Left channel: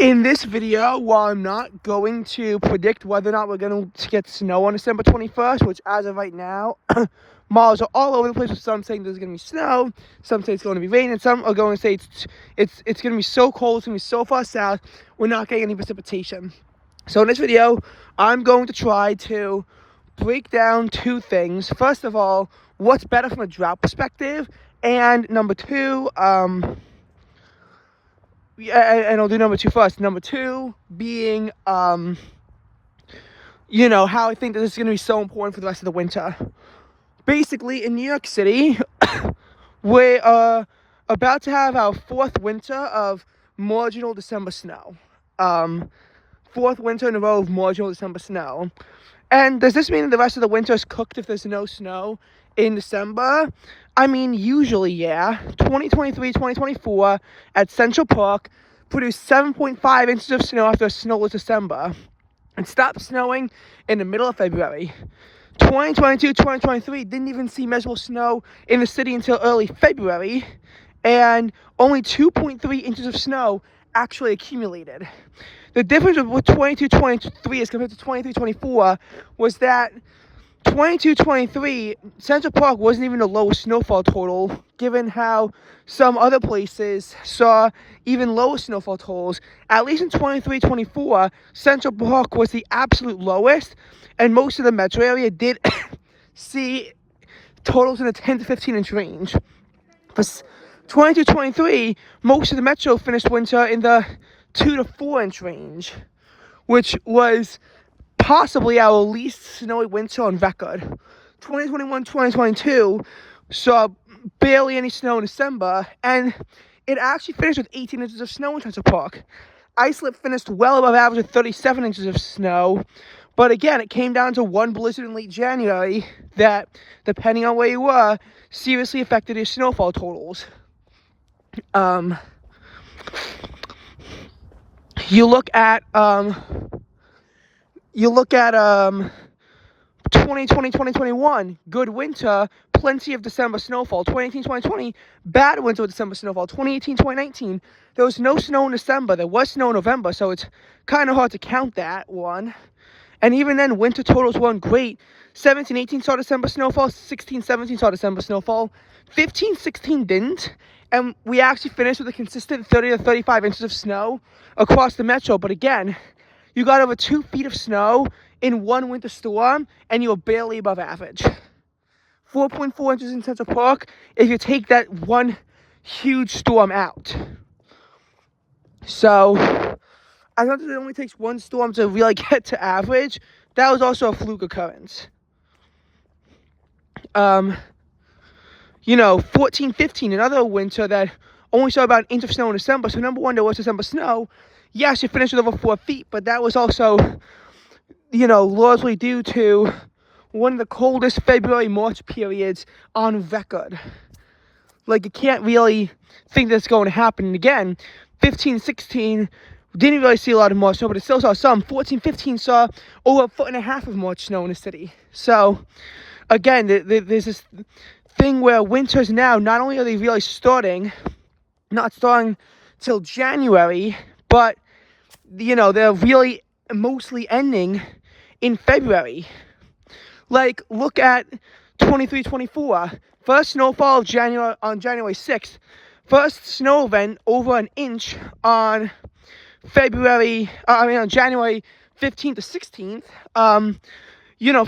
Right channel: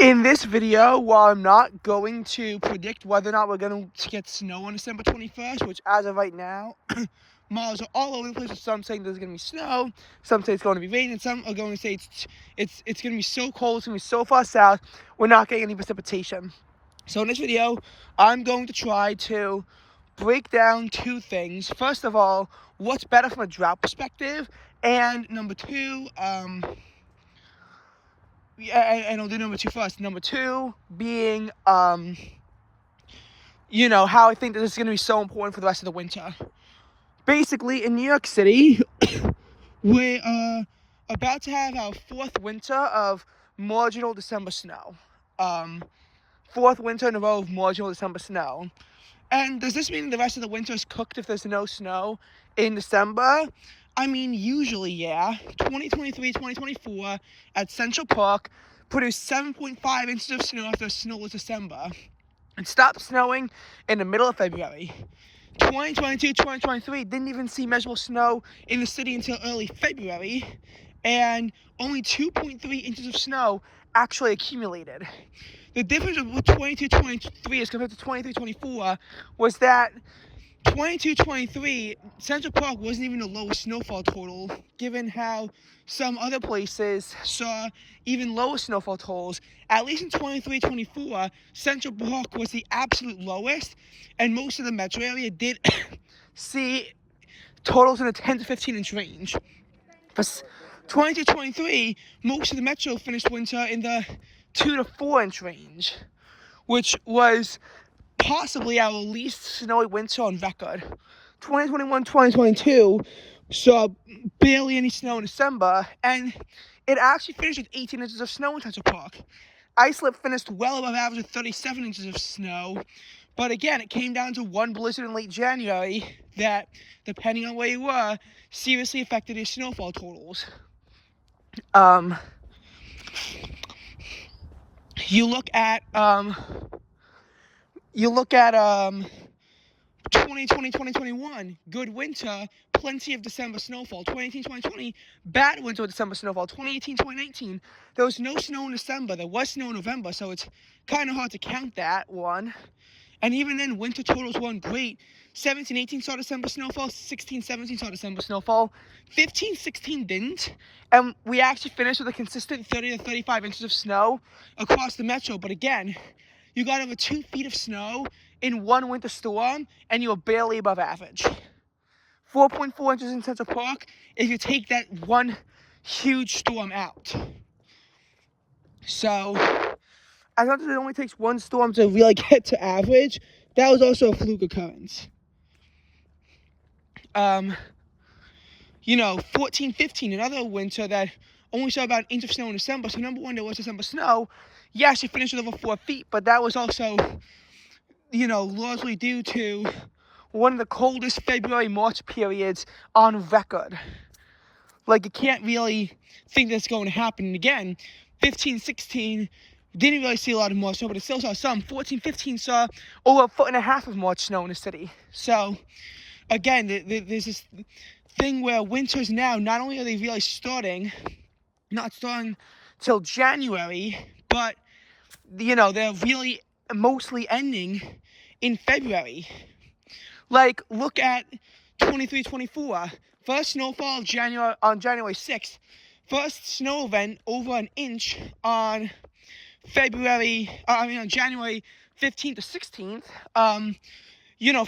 In this video, while I'm not going to predict whether or not we're going to get snow on December 21st, which as of right now, models are all over the place, with some saying there's going to be snow, some say it's going to be rain, and some are going to say it's going to be so cold, it's going to be so far south, we're not getting any precipitation. So in this video, I'm going to try to break down two things. First of all, what's better from a drought perspective, and number two, and I'll do number two first. Number two being, how I think that this is going to be so important for the rest of the winter. Basically, in New York City, we're about to have our fourth winter of marginal December snow. Fourth winter in a row of marginal December snow. And does this mean that the rest of the winter is cooked if there's no snow in December? I mean, usually, yeah. 2023, 2024 at Central Park produced 7.5 inches of snow after a snowless December. It stopped snowing in the middle of February. 2022, 2023 didn't even see measurable snow in the city until early February. And only 2.3 inches of snow actually accumulated. The difference with 22-23 as compared to 23-24 was that 22-23, Central Park wasn't even the lowest snowfall total, given how some other places saw even lower snowfall totals. At least in 23-24, Central Park was the absolute lowest, and most of the metro area did see totals in the 10 to 15 inch range. For 22-23, most of the metro finished winter in the 2 to 4 inch range, which was possibly our least snowy winter on record. 2021-2022 saw barely any snow in December, and it actually finished with 18 inches of snow in Central Park. Islip finished well above average with 37 inches of snow, but again, it came down to one blizzard in late January that, depending on where you were, seriously affected your snowfall totals. You look at 2020, 2021, good winter, plenty of December snowfall. 2018, 2020, bad winter with December snowfall. 2018, 2019, there was no snow in December. There was snow in November, so it's kind of hard to count that one. And even then, winter totals weren't great. 17, 18 saw December snowfall. 16, 17 saw December snowfall. 15, 16 didn't. And we actually finished with a consistent 30 to 35 inches of snow across the metro. But again, you got over 2 feet of snow in one winter storm, and you were barely above average. 4.4 inches in Central Park if you take that one huge storm out. So, I know that it only takes one storm to really get to average. That was also a fluke occurrence. 14, 15, another winter that only saw about an inch of snow in December. So number one, there was December snow. Yes, you finished with over 4 feet, but that was also, largely due to one of the coldest February-March periods on record. Like, you can't really think that's going to happen. And again, 15, 16 didn't really see a lot of March snow, but it still saw some. 14, 15 saw over 1.5 feet of March snow in the city. So, again, there's this thing where winters now, not only are they really not starting till January, but, they're really mostly ending in February. Like, look at 23-24. First snowfall of on January 6th. First snow event over an inch on on January 15th to 16th.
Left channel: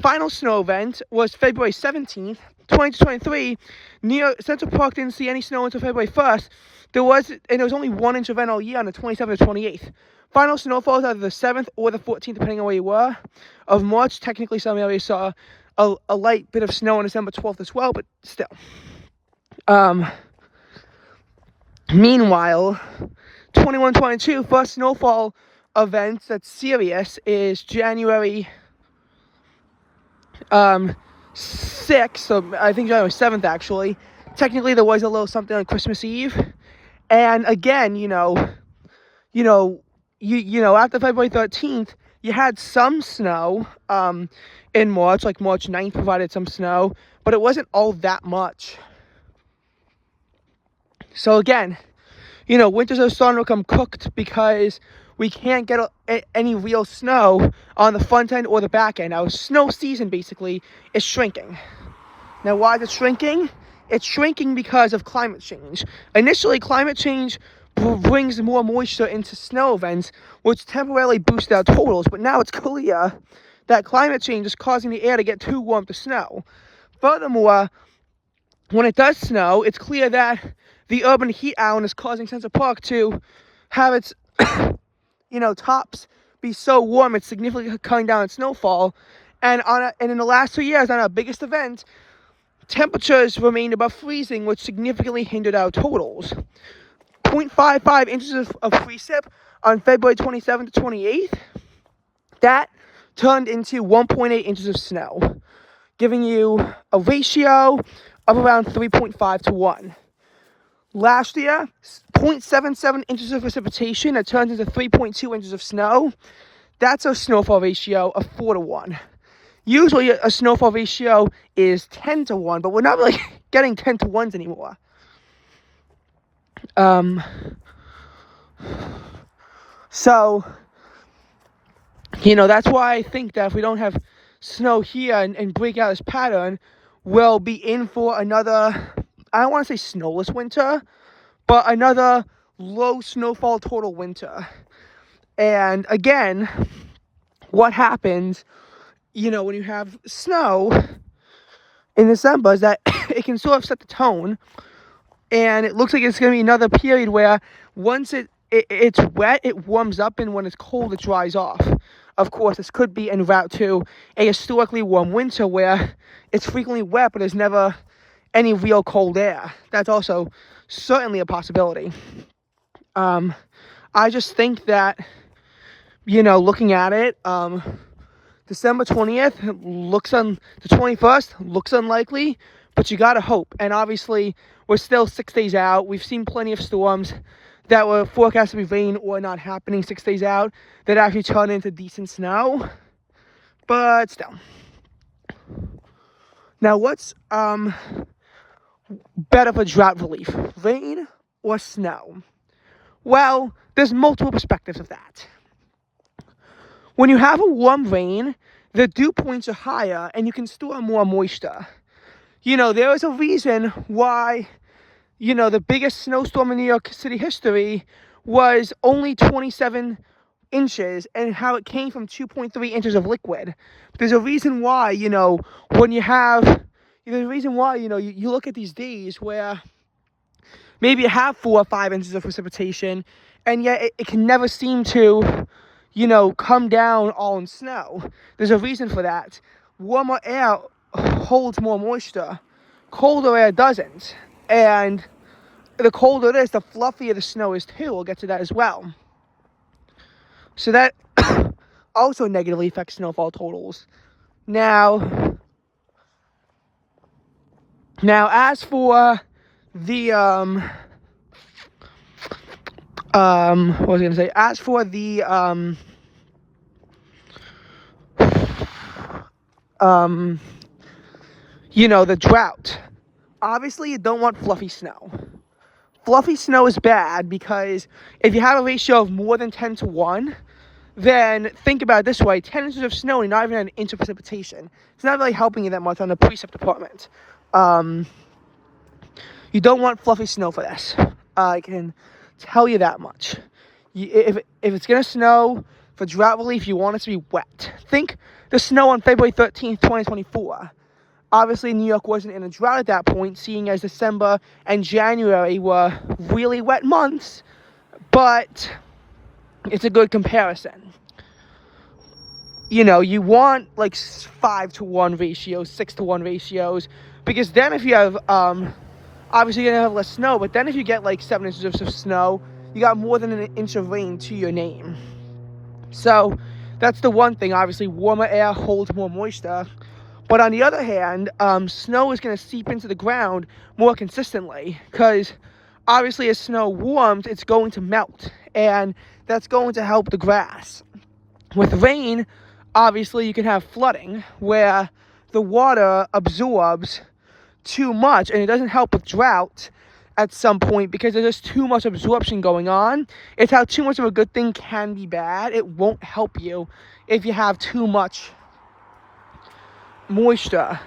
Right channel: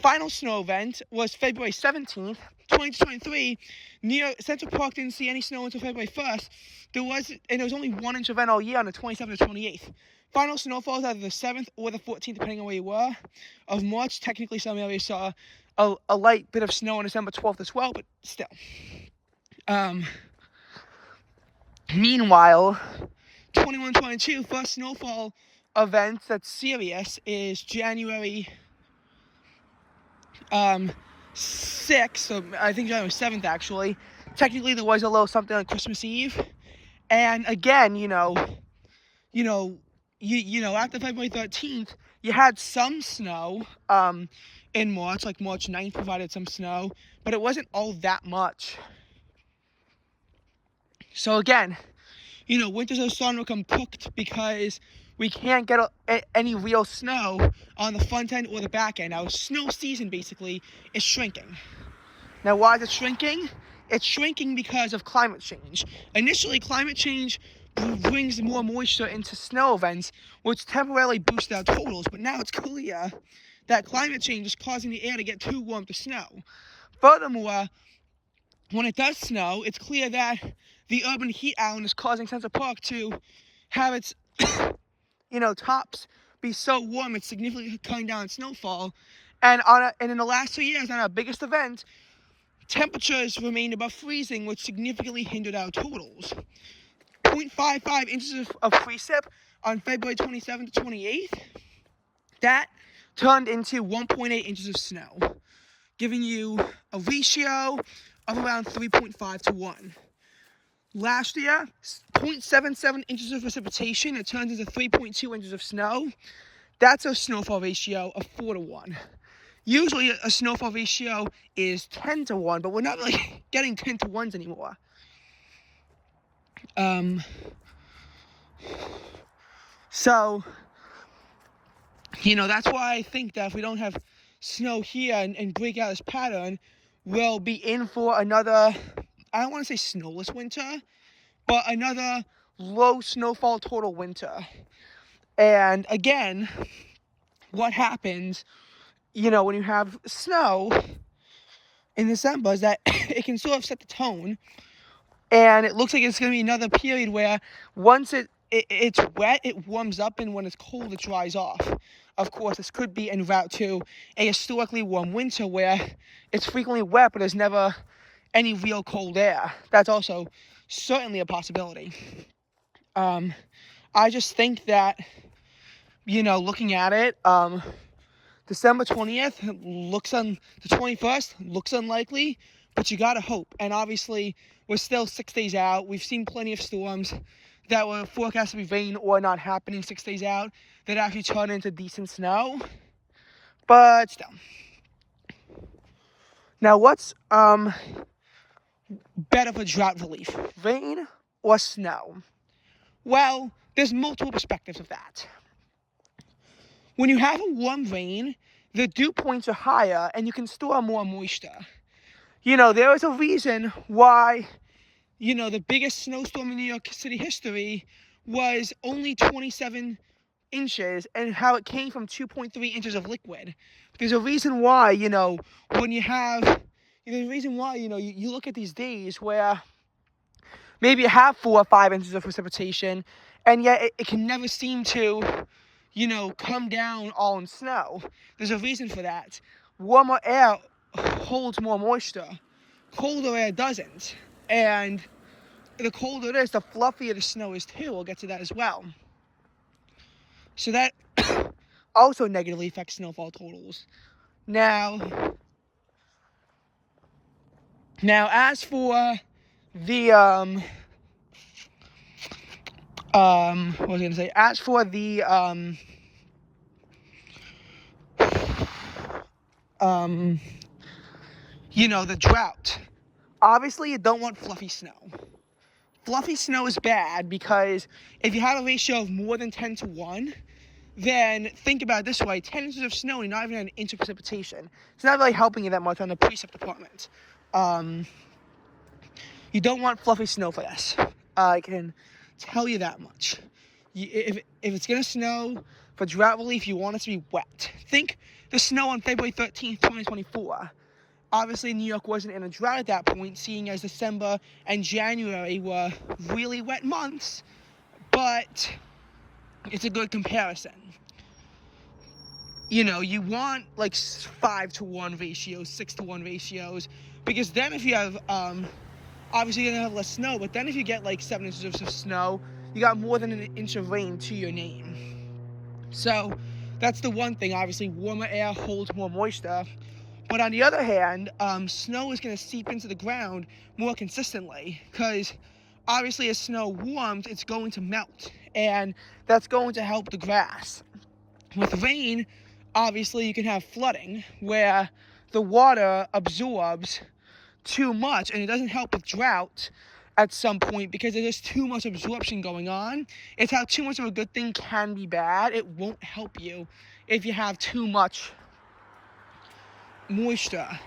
Final snow event was February 17th. 2023, near Central Park didn't see any snow until February 1st. There was only 1 inch event all year on the 27th to 28th. Final snowfall was either the 7th or the 14th, depending on where you were, of March. Technically, some areas saw a light bit of snow on December 12th as well, but still. Meanwhile, 21-22, first snowfall event that's serious is January 6th, so I think January 7th actually. Technically, there was a little something on Christmas Eve, and again, after February 13th, you had some snow in March, like March 9th provided some snow, but it wasn't all that much. So again, winters are starting to become cooked because we can't get any real snow on the front end or the back end. Our snow season basically is shrinking. Now, why is it shrinking? It's shrinking because of climate change. Initially, climate change brings more moisture into snow events, which temporarily boosts our totals. But now it's clear that climate change is causing the air to get too warm to snow. Furthermore, when it does snow, it's clear that the urban heat island is causing Central Park to have its, tops be so warm it's significantly cutting down its snowfall. And in the last 2 years, on our biggest event, temperatures remained above freezing, which significantly hindered our totals. 0.55 inches of precip on February 27th to 28th. That turned into 1.8 inches of snow, giving you a ratio of around 3.5 to 1. Last year, 0.77 inches of precipitation, that turns into 3.2 inches of snow. That's a snowfall ratio of 4 to 1. Usually a snowfall ratio is 10 to 1, but we're not really getting 10 to 1s anymore. So, that's why I think that if we don't have snow here and break out this pattern, we'll be in for another, I don't want to say snowless winter, but another low snowfall total winter. And again, what happens, when you have snow in December is that it can sort of set the tone, and it looks like it's going to be another period where once it's wet, it warms up, and when it's cold, it dries off. Of course, this could be en route to a historically warm winter where it's frequently wet, but there's never any real cold air. That's also certainly a possibility. I just think that, looking at it, December 20th the 21st looks unlikely, but you gotta hope. And obviously, we're still 6 days out. We've seen plenty of storms that were forecast to be rain or not happening 6 days out that actually turn into decent snow. But still. Now, what's better for drought relief, rain or snow? Well, there's multiple perspectives of that. When you have a warm rain, the dew points are higher and you can store more moisture. There is a reason why, the biggest snowstorm in New York City history was only 27 inches and how it came from 2.3 inches of liquid. There's a reason why, when you have, there's a reason why, you look at these days where maybe you have 4 or 5 inches of precipitation, and yet it can never seem to, come down all in snow. There's a reason for that. Warmer air holds more moisture. Colder air doesn't. And the colder it is, the fluffier the snow is too. We'll get to that as well. So that also negatively affects snowfall totals. Now, as for the, what was I going to say? As for the, the drought. Obviously, you don't want fluffy snow. Fluffy snow is bad because if you have a ratio of more than 10 to 1, then think about it this way. 10 inches of snow and not even an inch of precipitation. It's not really helping you that much on the precip department. You don't want fluffy snow for this. I can tell you that much. If it's going to snow for drought relief, you want it to be wet. Think the snow on February 13th, 2024. Obviously, New York wasn't in a drought at that point, seeing as December and January were really wet months, but it's a good comparison. You want like 5 to 1 ratios, 6 to 1 ratios, because then if you have, obviously you're going to have less snow, but then if you get like 7 inches of snow, you got more than an inch of rain to your name. So that's the one thing. Obviously, warmer air holds more moisture. But on the other hand, snow is going to seep into the ground more consistently because obviously as snow warms, it's going to melt, and that's going to help the grass. With rain, obviously you can have flooding where the water absorbs too much, and it doesn't help with drought at some point because there's just too much absorption going on. It's how too much of a good thing can be bad. It won't help you if you have too much moisture.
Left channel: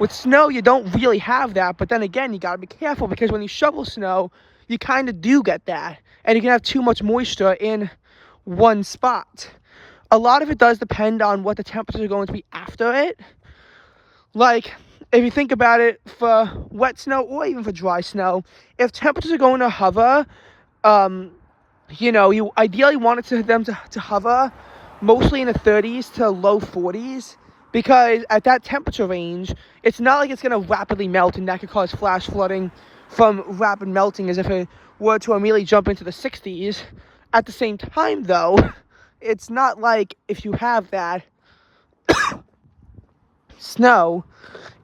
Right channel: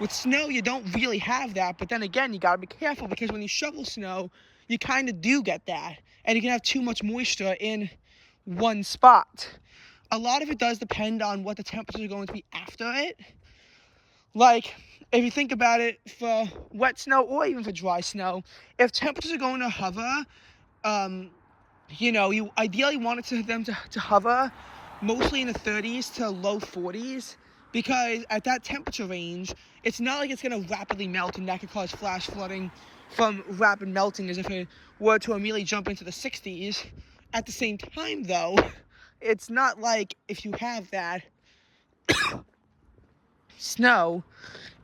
With snow, you don't really have that, but then again, you gotta be careful because when you shovel snow, you kind of do get that, and you can have too much moisture in one spot. A lot of it does depend on what the temperatures are going to be after it. Like, if you think about it, for wet snow or even for dry snow, if temperatures are going to hover, you ideally want them to hover mostly in the 30s to low 40s, because at that temperature range, it's not like it's going to rapidly melt, and that could cause flash flooding from rapid melting as if it were to immediately jump into the 60s. At the same time, though, it's not like if you have that snow,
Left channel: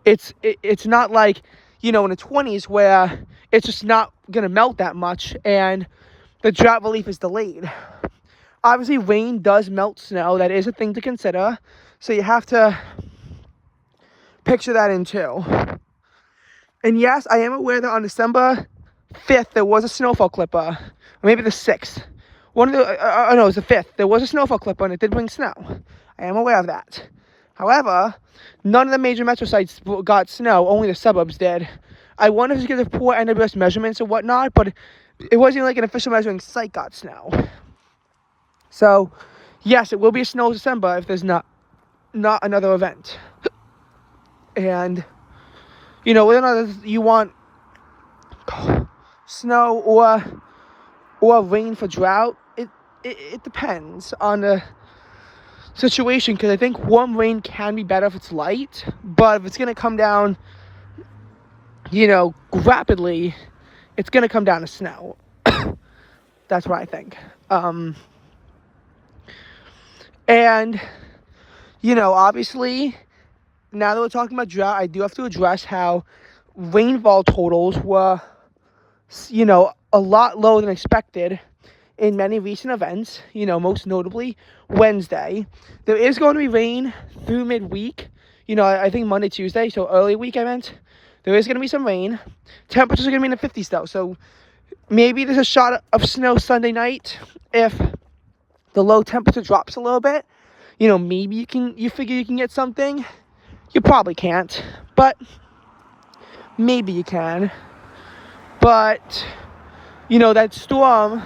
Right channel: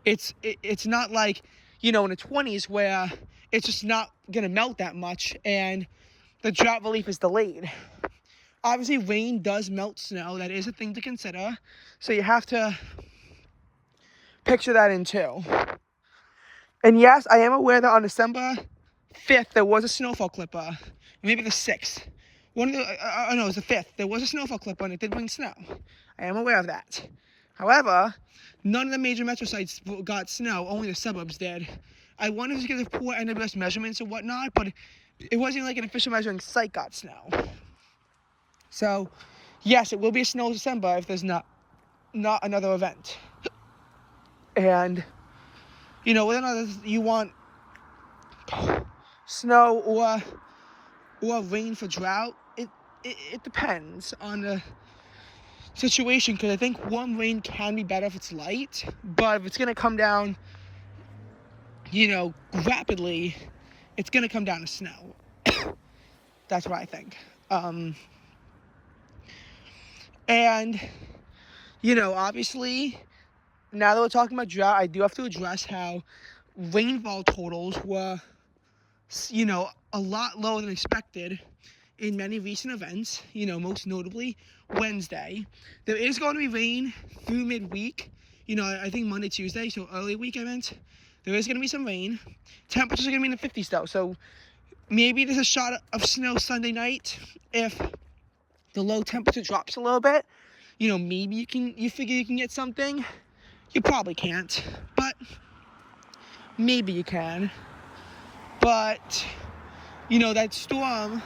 it's not like, in the 20s where it's just not going to melt that much and the drought relief is delayed. Obviously, rain does melt snow. That is a thing to consider. So you have to picture that in too. And yes, I am aware that on December 5th, there was a snowfall clipper. Or maybe the 6th. It was the 5th. There was a snowfall clipper and it did bring snow. I am aware of that. However, none of the major metro sites got snow. Only the suburbs did. I wonder if it's because of poor NWS measurements or whatnot, but it wasn't like an official measuring site got snow. So, yes, it will be a snow December if there's not another event. And, whether or not you want snow or rain for drought, it depends on the situation, because I think warm rain can be better if it's light, but if it's going to come down, rapidly, it's going to come down to snow. That's what I think. And, obviously, now that we're talking about drought, I do have to address how rainfall totals were, a lot lower than expected in many recent events, most notably Wednesday. There is going to be rain through midweek, I think Monday, Tuesday, so early week I meant. There is going to be some rain. Temperatures are going to be in the 50s though, so maybe there's a shot of snow Sunday night if the low temperature drops a little bit. Maybe you figure you can get something. You probably can't, but maybe you can. But, that storm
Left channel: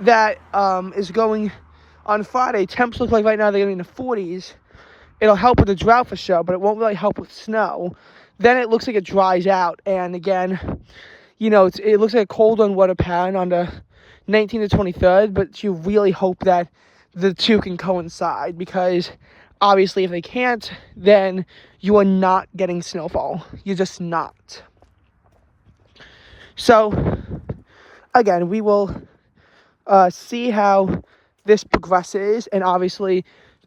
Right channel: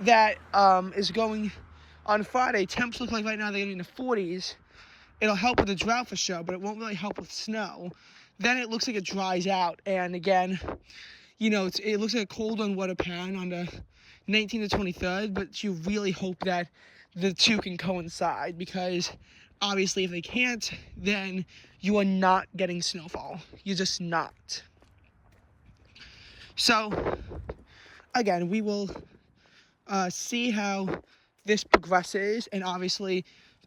that is going on Friday, temps look like right now they're going to be in the 40s. It'll help with the drought for sure, but it won't really help with snow. Then it looks like it dries out, and again, it looks like a cold and weather pattern on the 19th to 23rd, but you really hope that the two can coincide, because obviously if they can't, then you are not getting snowfall. You're just not. So, again, we will see how this progresses, and obviously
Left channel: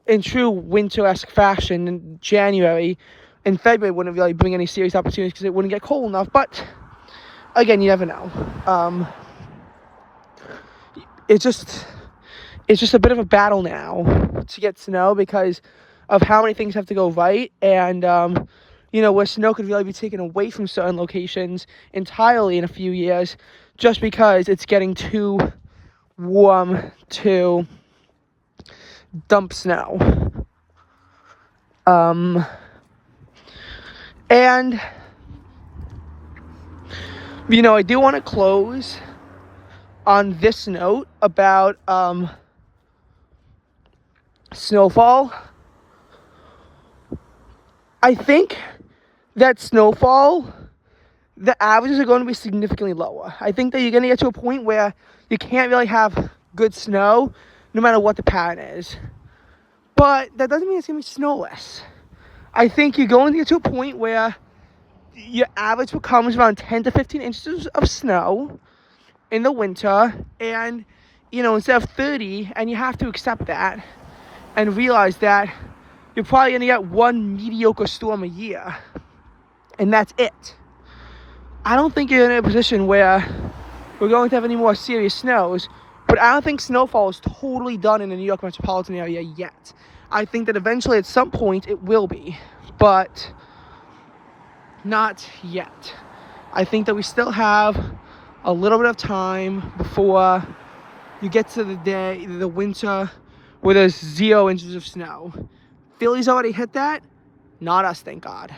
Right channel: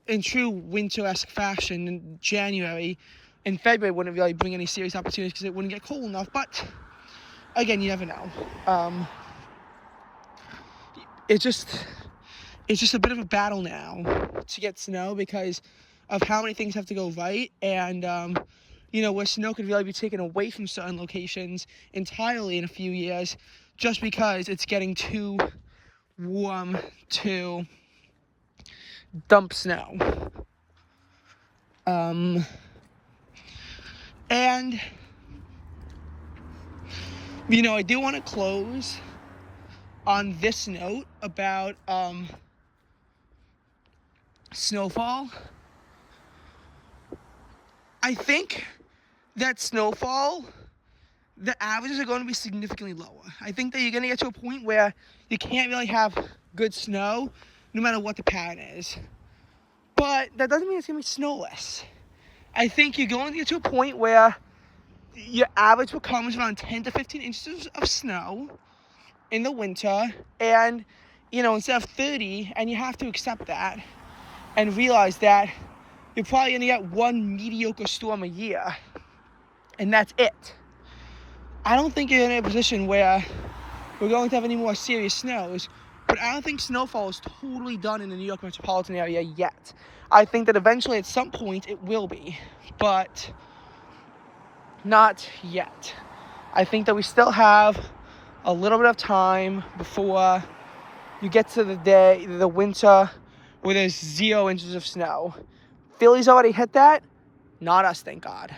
in true winter-esque fashion in January and February wouldn't really bring any serious opportunities because it wouldn't get cold enough, but again, you never know. It's just a bit of a battle now to get snow because of how many things have to go right, and where snow could really be taken away from certain locations entirely in a few years just because it's getting too warm to dump snow. And I do want to close on this note about snowfall. I think that snowfall, the averages are going to be significantly lower. I think that you're going to get to a point where you can't really have good snow no matter what the pattern is. But that doesn't mean it's going to be snowless. I think you're going to get to a point where your average becomes around 10 to 15 inches of snow in the winter, and instead of 30, and you have to accept that and realize that you're probably going to get one mediocre storm a year, and that's it. I don't think you're in a position where we're going to have any more serious snows, but I don't think snowfall is totally done in the New York metropolitan area yet. I think that eventually at some point it will be, but not yet. I think that we still have a little bit of time before you get to the winter where there's 0 inches of snow. Philly's already hit that. Not us, thank God.